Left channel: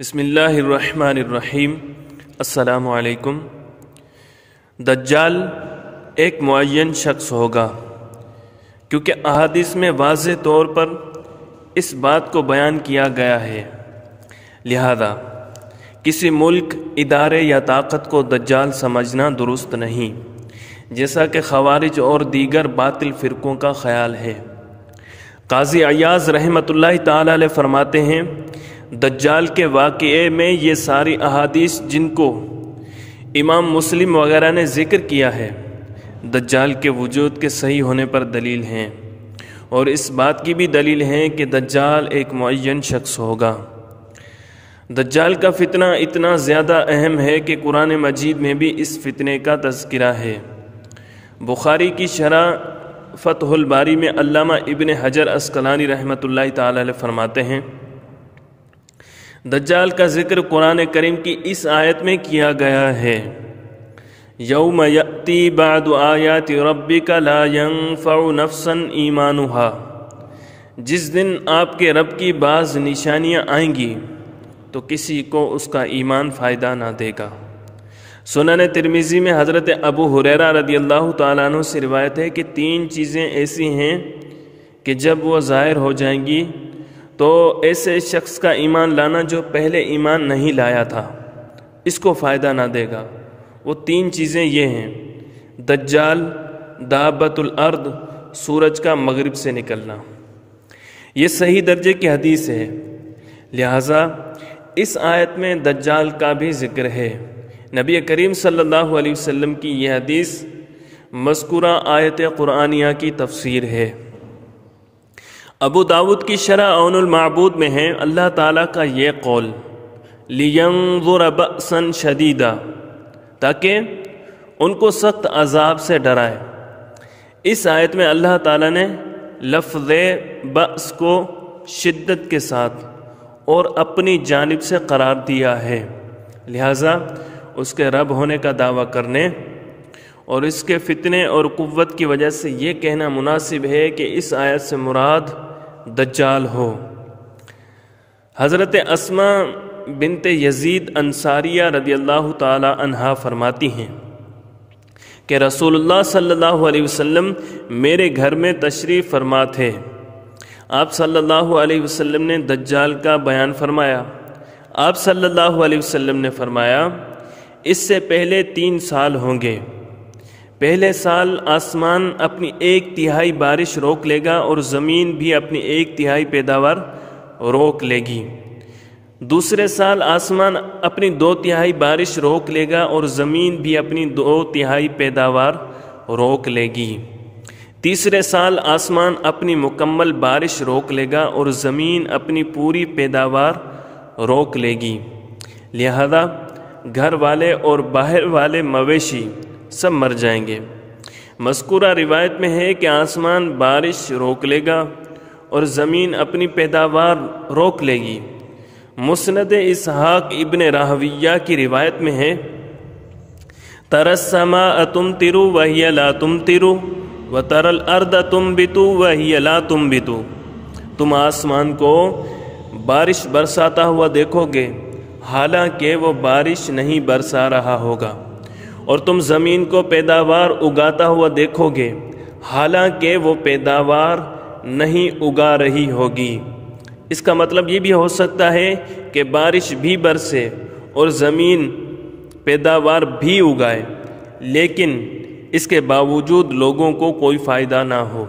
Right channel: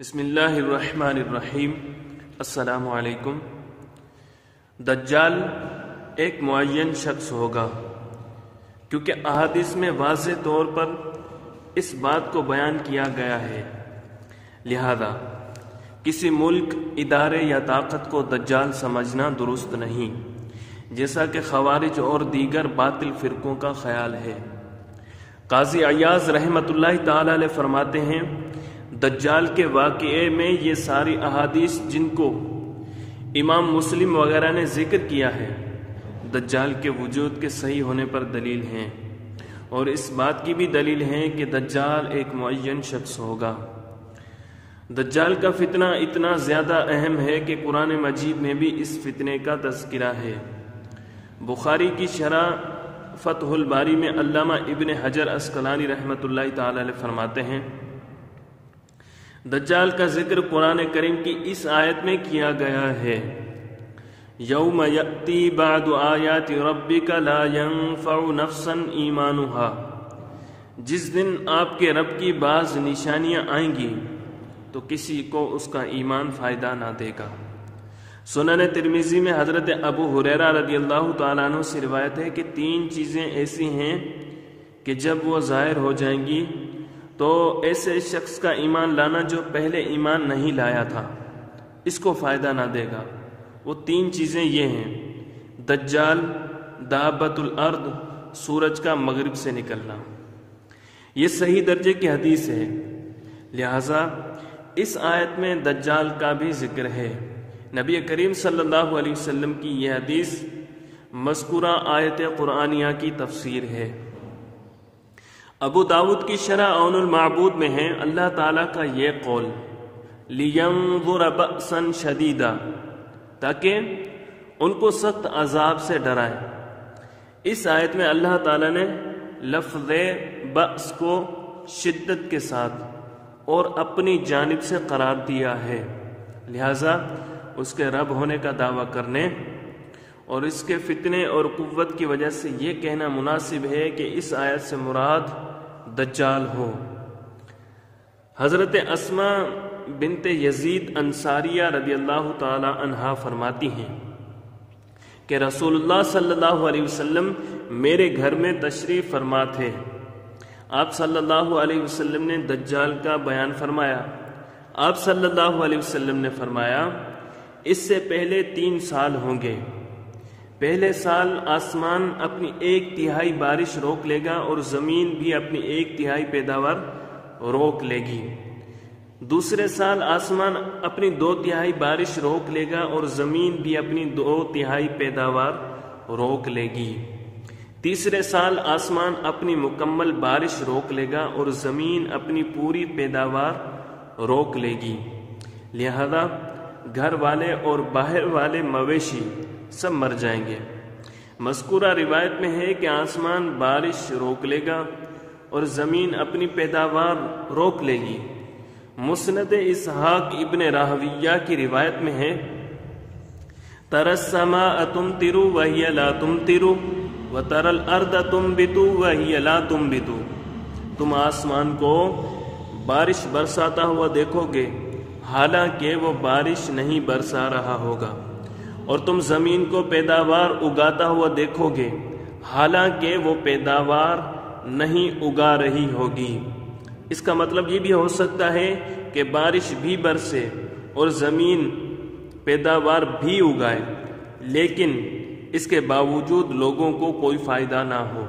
بسم اللہ الرحمن الرحیم۔ السلام علیکم۔ دجال ایک معین شخص ہوگا، کیونکہ احادیث میں واضح طور پر اس بات کو بیان کیا گیا ہے، لہذا کسی ملک، ادارے یا طاقت کو دجال سمجھنا درست نہیں، جیسا کہ خوارج اور دیگر باطل فرقوں کا خیال ہے۔ قاضی عیاض رحمۃ اللہ تعالی علیہ فرماتے ہیں، دجال کے واقعے میں یہ ساری احادیث جن کو امام مسلم وغیرہ نے ذکر کیا ہے، دجال کے وجود کے صحیح ہونے پر دلیل ہیں، اور اس بات کی بھی دلیل ہے کہ دجال ایک معین شخص ہوگا۔ دجال کا فتنہ اتنا زیادہ اہم ہے کہ قرآن مجید میں بھی اس فتنے کا تذکرہ ہے۔ بخاری کی شرح فتح الباری میں علامہ ابن حجر عسقلانی رحمۃ اللہ تعالی علیہ فرماتے ہیں، دجال کا ذکر قرآن کریم کی اس آیت میں کیا گیا ہے، یوم یأتی بعد آیات ربک لا ینفع نفسا ایمانہا، جس دن آپ کے رب کی بعض نشانیاں آئیں گی تو کسی کو اس کا ایمان فائدہ نہ دے گا۔ سنن ترمذی میں حضرت ابو ہریرہ رضی اللہ تعالیٰ عنہ سے روایت ہے کہ 3 چیزیں ایسی ہیں کہ جب وہ ظاہر ہو جائیں گی تو ایسے شخص کا ایمان لانا جو پہلے ایمان نہیں لایا تھا اس کو فائدہ نہ دے گا۔ وہ 3 چیزیں یہ ہیں، دجال، دابۃ الارض، سورج کا مغرب سے نکلنا۔ یہ صحیح درجے کی حدیث ہے، لہذا اس آیت میں دجال کا بھی ذکر ہے۔ نبی کریم صلی اللہ علیہ وسلم کی یہ حدیث مذکورہ آیت قرآنیہ کی تفسیر ہے۔ ابو داود کی شرح عون المعبود میں ہے، اللہ تعالیٰ کا یہ قول، لِيَنظُرَ بَأْسًا شَدِيدًا، تاکہ ان کو سخت عذاب سے ڈرائے۔ اس آیت میں اللہ تعالیٰ نے لفظ بأس کو شدت کے ساتھ اور اپنی جانب سے قرار دیا ہے، لہذا اس کے رب ہونے کا دعویٰ کرنے اور اس کے فتنے اور قوت کی وجہ سے یہ کہنا مناسب ہے کہ اس آیت سے مراد دجال ہو۔ حضرت اسماء بنت یزید انصاریہ رضی اللہ تعالی عنہا فرماتی ہیں کہ رسول اللہ صلی اللہ علیہ وسلم میرے گھر میں تشریف فرما تھے۔ آپ صلی اللہ علیہ وسلم نے دجال کا بیان فرمایا۔ آپ صلی اللہ علیہ وسلم نے فرمایا، اس سے پہلے 3 سال ہوں گے۔ پہلے سال آسمان اپنی 1/3 بارش روک لے گا اور زمین بھی اپنی 1/3 پیداوار روک لے گی۔ دوسرے سال آسمان اپنی 2/3 بارش روک لے گا اور زمین بھی اپنی 2/3 پیداوار روک لے گی۔ تیسرے سال آسمان اپنی مکمل بارش روک لے گا اور زمین اپنی پوری پیداوار روک لے گی، لہذا گھر والے اور باہر والے مویشی سب مر جائیں گے۔ مذکورہ روایت میں ہے کہ آسمان بارش روک لے گا اور زمین اپنی پیداوار روک لے گی۔ مسند اسحاق ابن راہویہ کی روایت میں ہے، تَرَى السَّمَاءَ تُمْطِرُ وَهِيَ لَا تُمْطِرُ وَتَرَى الْأَرْضَ تُنْبِتُ وَهِيَ لَا تُنْبِتُ، تم آسمان کو بارش برساتا ہوا دیکھو گے حالانکہ وہ بارش نہیں برسا رہا ہوگا، اور تم زمین کو پیداوار اگاتا ہوا دیکھو گے حالانکہ وہ پیداوار نہیں اگا رہی ہوگی۔ اس کا مطلب یہ بھی ہو سکتا ہے کہ بارش بھی برسے اور زمین پیداوار بھی اگائے، لیکن اس کے باوجود لوگوں کو کوئی فائدہ نہ ہو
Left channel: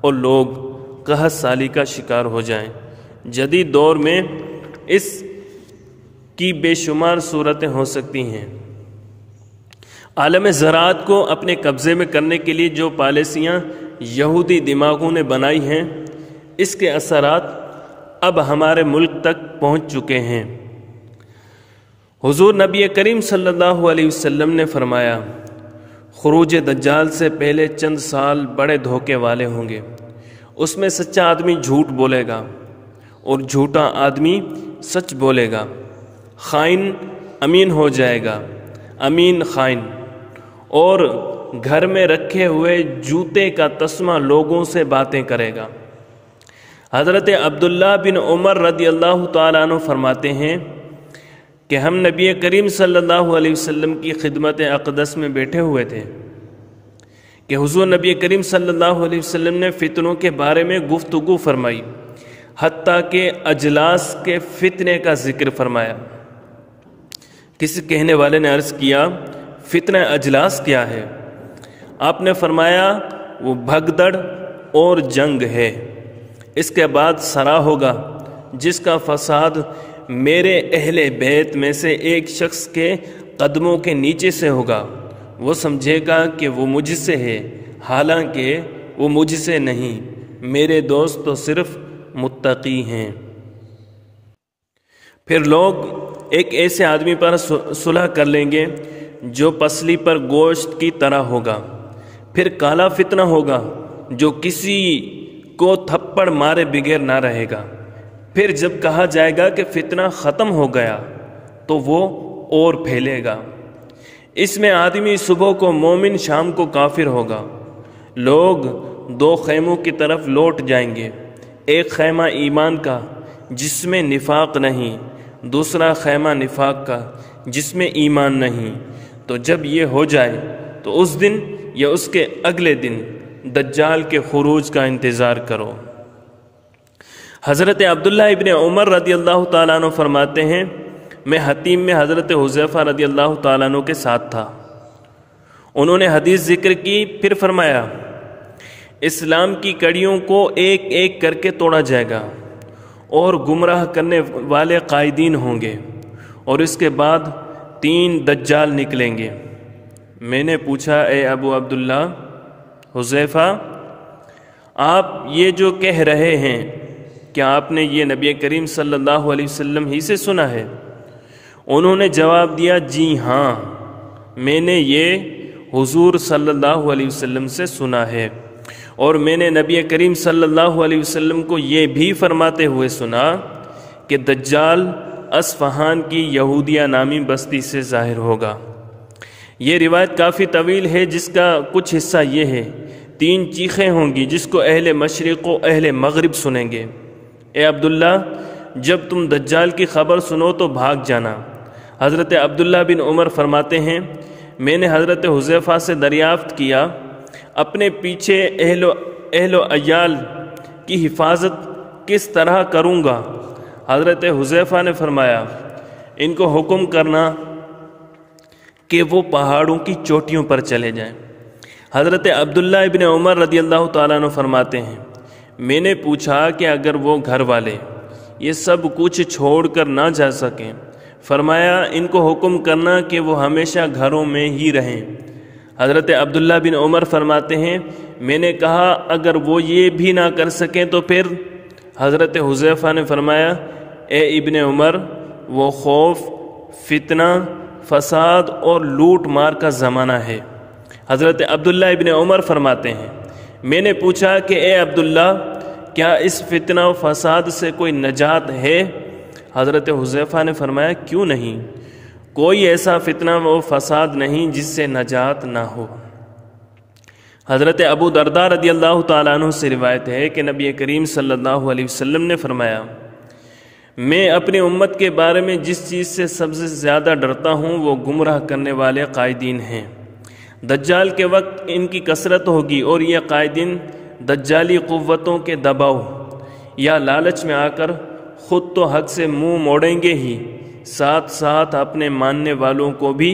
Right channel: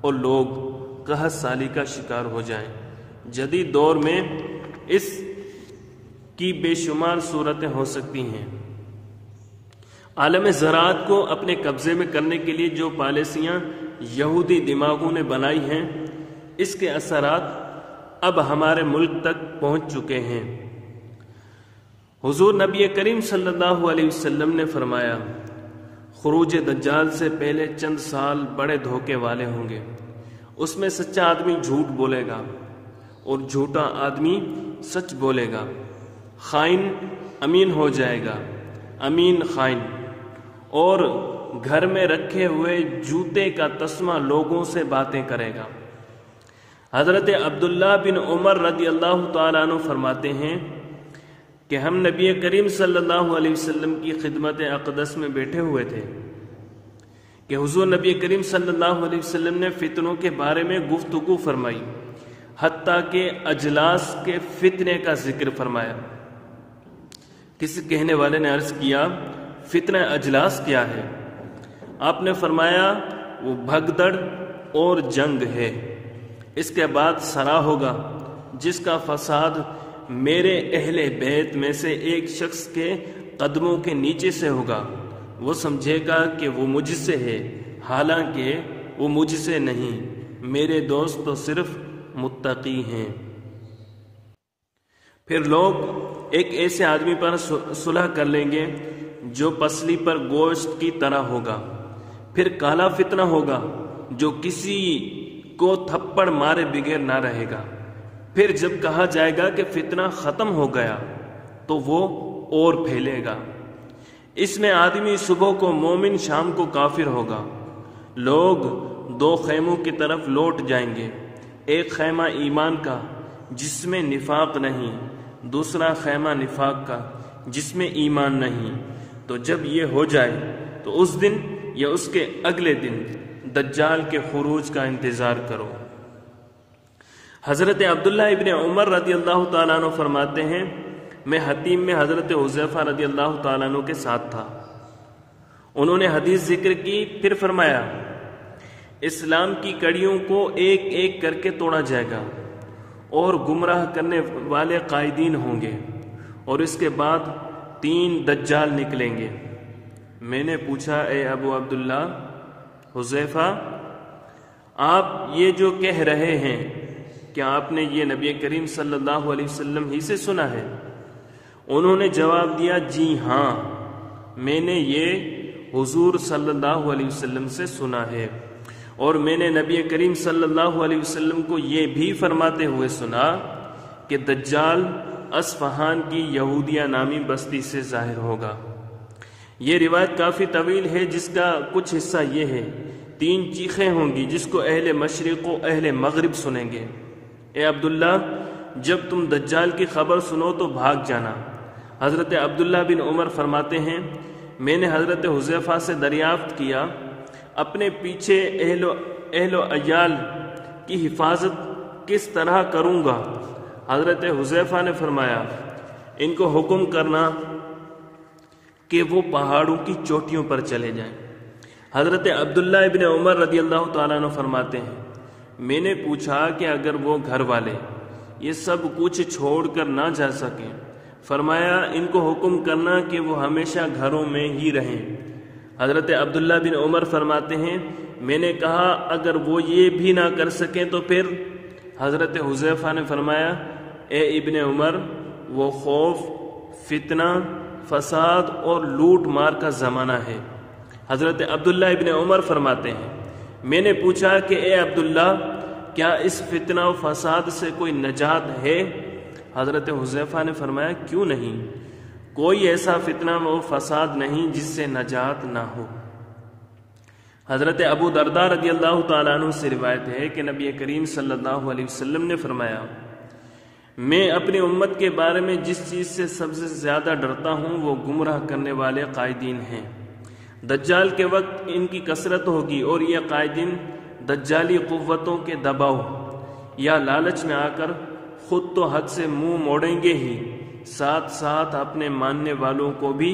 اور لوگ قحط سالی کا شکار ہو جائیں۔ جدید دور میں اس کی بے شمار صورتیں ہو سکتی ہیں۔ عالم زراعت کو اپنے قبضے میں کرنے کے لیے جو پالیسیاں یہودی دماغوں نے بنائی ہیں، اس کے اثرات اب ہمارے ملک تک پہنچ چکے ہیں۔ حضور نبی کریم صلی اللہ علیہ وسلم نے فرمایا، خروج دجال سے پہلے چند سال بڑے دھوکے والے ہوں گے۔ اس میں سچا آدمی جھوٹ بولے گا اور جھوٹا آدمی سچ بولے گا، خائن امین ہو جائے گا، امین خائن، اور گھر میں رکھے ہوئے جوتے کا تسمہ لوگوں سے باتیں کرے گا۔ حضرت عبداللہ بن عمر رضی اللہ تعالیٰ عنہ فرماتے ہیں، کہ ہم نبی کریم صلی اللہ علیہ وسلم کی خدمت اقدس میں بیٹھے ہوئے تھے کہ حضور نبی کریم صلی اللہ علیہ وسلم نے فتنوں کے بارے میں گفتگو فرمائی، حتیٰ کہ اجلاس کے فتنے کا ذکر فرمایا۔ کسی کہنے والے نے عرض کیا فتنہ اجلاس کیا ہے؟ آپ نے فرمایا وہ بھگدڑ اور جنگ ہے، اس کے بعد سرا ہوگا جس کا فساد میرے اہل بیت میں سے ایک شخص کے قدموں کے نیچے سے ہوگا، وہ سمجھے گا کہ وہ مجھ سے ہے، حالانکہ وہ مجھ سے نہیں، میرے دوست تو صرف متقی ہیں۔ پھر لوگ ایک ایسے آدمی پر صلح کر لیں گے جو پسلی پر گوشت کی طرح ہوگا، پھر کالا فتنہ ہوگا جو کسی کو تھپڑ مارے بغیر نہ رہے گا، پھر جب کہا جائے گا کہ فتنہ ختم ہو گیا تو وہ اور پھیلے گا۔ اس میں آدمی صبح کو مومن شام کو کافر ہوگا، لوگ دو خیموں کی طرف لوٹ جائیں گے، ایک خیمہ ایمان کا جس میں نفاق نہیں، دوسرا خیمہ نفاق کا جس میں ایمان نہیں۔ تو جب یہ ہو جائے تو اس دن یا اس کے اگلے دن دجال کے خروج کا انتظار کرو۔ حضرت عبداللہ ابن عمر رضی اللہ تعالیٰ عنہ فرماتے ہیں میں حتیم میں حضرت حذیفہ رضی اللہ تعالیٰ عنہ کے ساتھ تھا، انہوں نے حدیث ذکر کی، پھر فرمایا اسلام کی کڑیوں کو ایک ایک کر کے توڑا جائے گا اور گمراہ کرنے والے قائدین ہوں گے، اور اس کے بعد 3 دجال نکلیں گے۔ میں نے پوچھا اے ابو عبداللہ حذیفہ، آپ یہ جو کہہ رہے ہیں کیا آپ نے یہ نبی کریم صلی اللہ علیہ وسلم ہی سے سنا ہے؟ انہوں نے جواب دیا جی ہاں، میں نے یہ حضور صلی اللہ علیہ وسلم سے سنا ہے، اور میں نے نبی کریم صلی اللہ علیہ وسلم کو یہ بھی فرماتے ہوئے سنا کہ دجال اصفہان کی یہودیہ نامی بستی سے ظاہر ہوگا۔ یہ روایت کافی طویل ہے جس کا کچھ حصہ یہ ہے، 3 چیخیں ہوں گی جس کو اہل مشرق و اہل مغرب سنیں گے۔ اے عبداللہ جب تم دجال کی خبر سنو تو بھاگ جانا۔ حضرت عبداللہ بن عمر فرماتے ہیں میں نے حضرت حذیفہ سے دریافت کیا اپنے پیچھے اہل و عیال کی حفاظت کس طرح کروں گا؟ حضرت حذیفہ نے فرمایا ان کو حکم کرنا کہ وہ پہاڑوں کی چوٹیوں پر چلے جائیں۔ حضرت عبداللہ ابن عمر رضی اللہ تعالیٰ عنہ فرماتے ہیں میں نے پوچھا کہ اگر وہ گھر والے یہ سب کچھ چھوڑ کر نہ جا سکیں، فرمایا ان کو حکم کرنا کہ وہ ہمیشہ گھروں میں ہی رہیں۔ حضرت عبداللہ بن عمر فرماتے ہیں میں نے کہا اگر وہ یہ بھی نہ کر سکیں تو پھر؟ حضرت حذیفہ نے فرمایا اے ابن عمر وہ خوف، فتنہ، فساد اور لوٹ مار کا زمانہ ہے۔ حضرت عبداللہ ابن عمر فرماتے ہیں میں نے پوچھا کہ اے عبداللہ کیا اس فتنہ و فساد سے کوئی نجات ہے؟ حضرت حذیفہ نے فرمایا کیوں نہیں، کوئی ایسا فتنہ و فساد نہیں جس سے نجات نہ ہو۔ حضرت ابو درداء رضی اللہ تعالیٰ عنہ سے روایت ہے کہ نبی کریم صلی اللہ علیہ وسلم نے فرمایا میں اپنی امت کے بارے میں جس چیز سے سب سے زیادہ ڈرتا ہوں وہ گمراہ کرنے والے قائدین ہیں۔ دجال کے وقت ان کی کثرت ہوگی اور یہ قائدین دجالی قوتوں کے دباؤ یا لالچ میں آ کر خود تو حق سے منہ موڑیں گے ہی، ساتھ ساتھ اپنے ماننے والوں کو بھی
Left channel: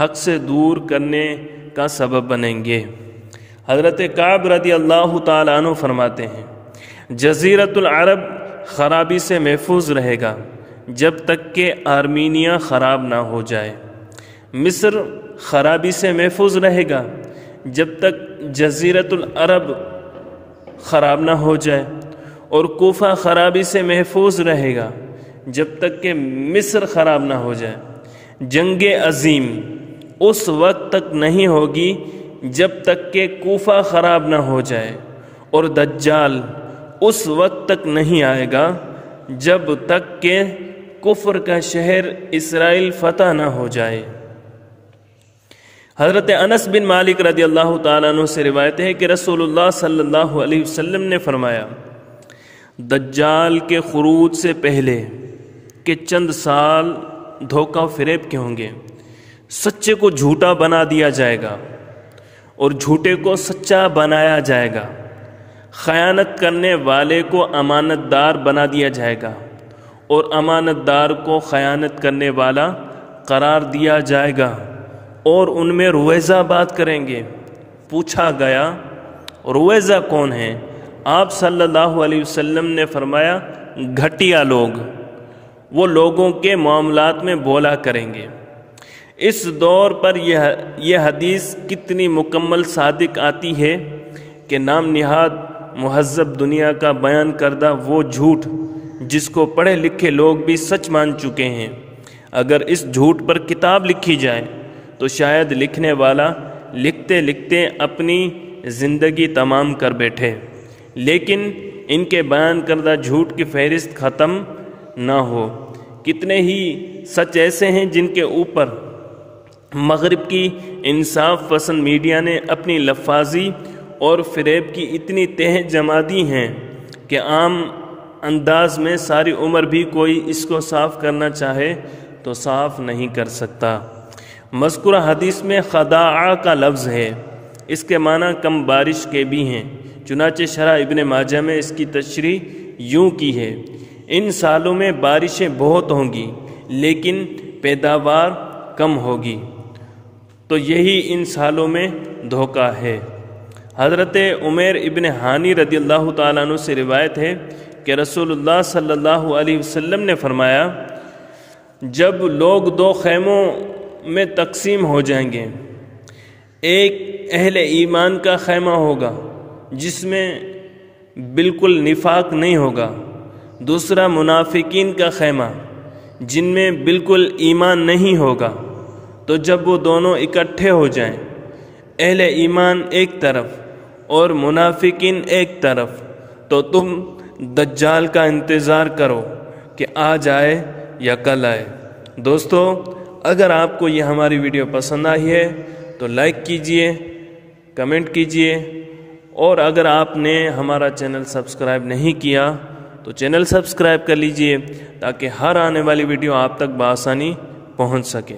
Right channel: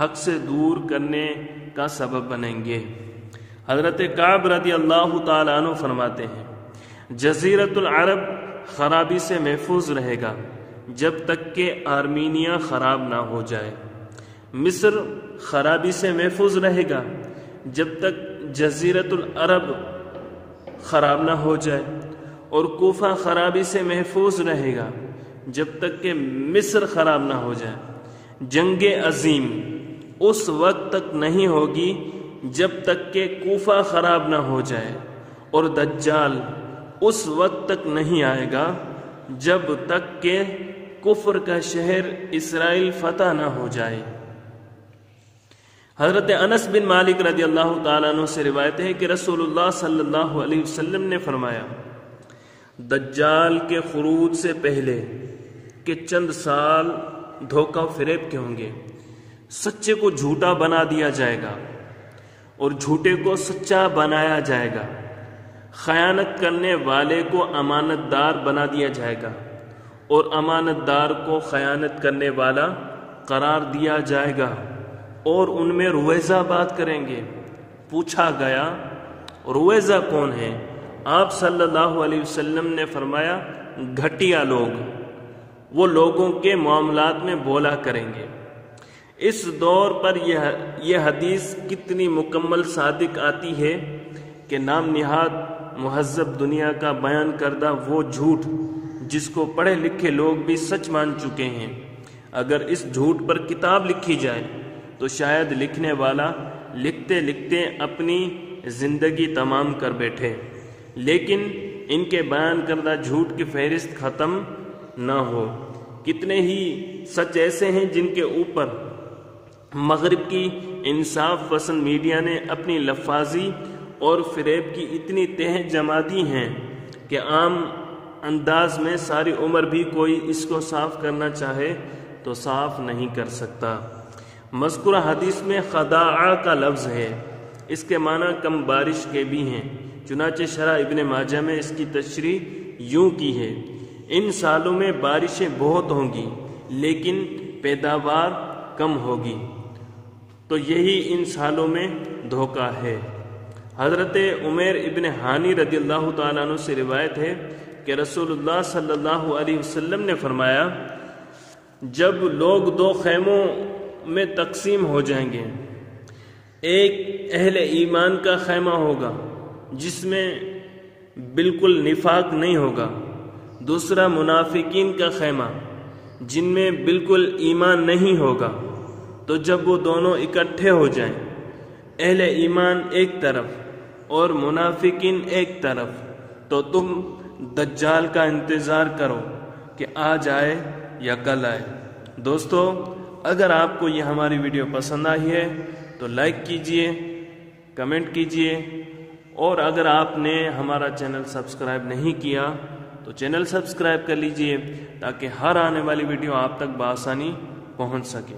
حق سے دور کرنے کا سبب بنیں گے۔ حضرت کعب رضی اللہ تعالیٰ عنہ فرماتے ہیں جزیرۃ العرب خرابی سے محفوظ رہے گا جب تک کہ آرمینیا خراب نہ ہو جائے، مصر خرابی سے محفوظ رہے گا جب تک جزیرۃ العرب خراب نہ ہو جائے، اور کوفہ خرابی سے محفوظ رہے گا جب تک کہ مصر خراب نہ ہو جائے۔ جنگ عظیم اس وقت تک نہیں ہوگی جب تک کہ کوفہ خراب نہ ہو جائے، اور دجال اس وقت تک نہیں آئے گا جب تک کہ کفر کا شہر اسرائیل فتح نہ ہو جائے۔ حضرت انس بن مالک رضی اللہ تعالیٰ عنہ سے روایت ہے کہ رسول اللہ صلی اللہ علیہ وسلم نے فرمایا دجال کے خروج سے پہلے کہ چند سال دھوکہ و فریب کے ہوں گے۔ سچے کو جھوٹا بنا دیا جائے گا اور جھوٹے کو سچا بنایا جائے گا۔ خیانت کرنے والے کو امانت دار بنا دیا جائے گا اور امانت دار کو خیانت کرنے والا قرار دیا جائے گا، اور ان میں رویزہ بات کریں گے۔ پوچھا گیا رویزہ کون ہے؟ آپ صلی اللہ علیہ وسلم نے فرمایا گھٹیا لوگ، وہ لوگوں کے معاملات میں بولا کریں گے۔ اس دور پر یہ حدیث کتنی مکمل صادق آتی ہے کہ نام نہاد مہذب دنیا کا بیان کردہ وہ جھوٹ جس کو پڑھے لکھے لوگ بھی سچ مان چکے ہیں، اگر اس جھوٹ پر کتاب لکھی جائے تو شاید لکھنے والا لکھتے لکھتے اپنی زندگی تمام کر بیٹھے، لیکن ان کے بیان کردہ جھوٹ کی فہرست ختم نہ ہو۔ کتنے ہی سچ ایسے ہیں جن کے اوپر مغرب کی انصاف پسند میڈیا نے اپنی لفاظی اور فریب کی اتنی تہ جما دی ہیں کہ عام انداز میں ساری عمر بھی کوئی اس کو صاف کرنا چاہے تو صاف نہیں کر سکتا۔ مذکورہ حدیث میں خداع کا لفظ ہے، اس کے معنی کم بارش کے بھی ہیں، چنانچہ شرح ابن ماجہ میں اس کی تشریح یوں کی ہے، ان سالوں میں بارشیں بہت ہوں گی لیکن پیداوار کم ہوگی، تو یہی ان سالوں میں دھوکہ ہے۔ حضرت عمیر ابن ہانی رضی اللہ تعالیٰ عنہ سے روایت ہے کہ رسول اللہ صلی اللہ علیہ وسلم نے فرمایا جب لوگ دو خیموں میں تقسیم ہو جائیں گے، ایک اہل ایمان کا خیمہ ہوگا جس میں بالکل نفاق نہیں ہوگا، دوسرا منافقین کا خیمہ جن میں بالکل ایمان نہیں ہوگا، تو جب وہ دونوں اکٹھے ہو جائیں، اہل ایمان ایک طرف اور منافقین ایک طرف، تو تم دجال کا انتظار کرو کہ آج آئے یا کل آئے۔ دوستو، اگر آپ کو یہ ہماری ویڈیو پسند آئی ہے تو لائک کیجئے، کمنٹ کیجئے، اور اگر آپ نے ہمارا چینل سبسکرائب نہیں کیا تو چینل سبسکرائب کر لیجئے تاکہ ہر آنے والی ویڈیو آپ تک بآسانی پہنچ سکے۔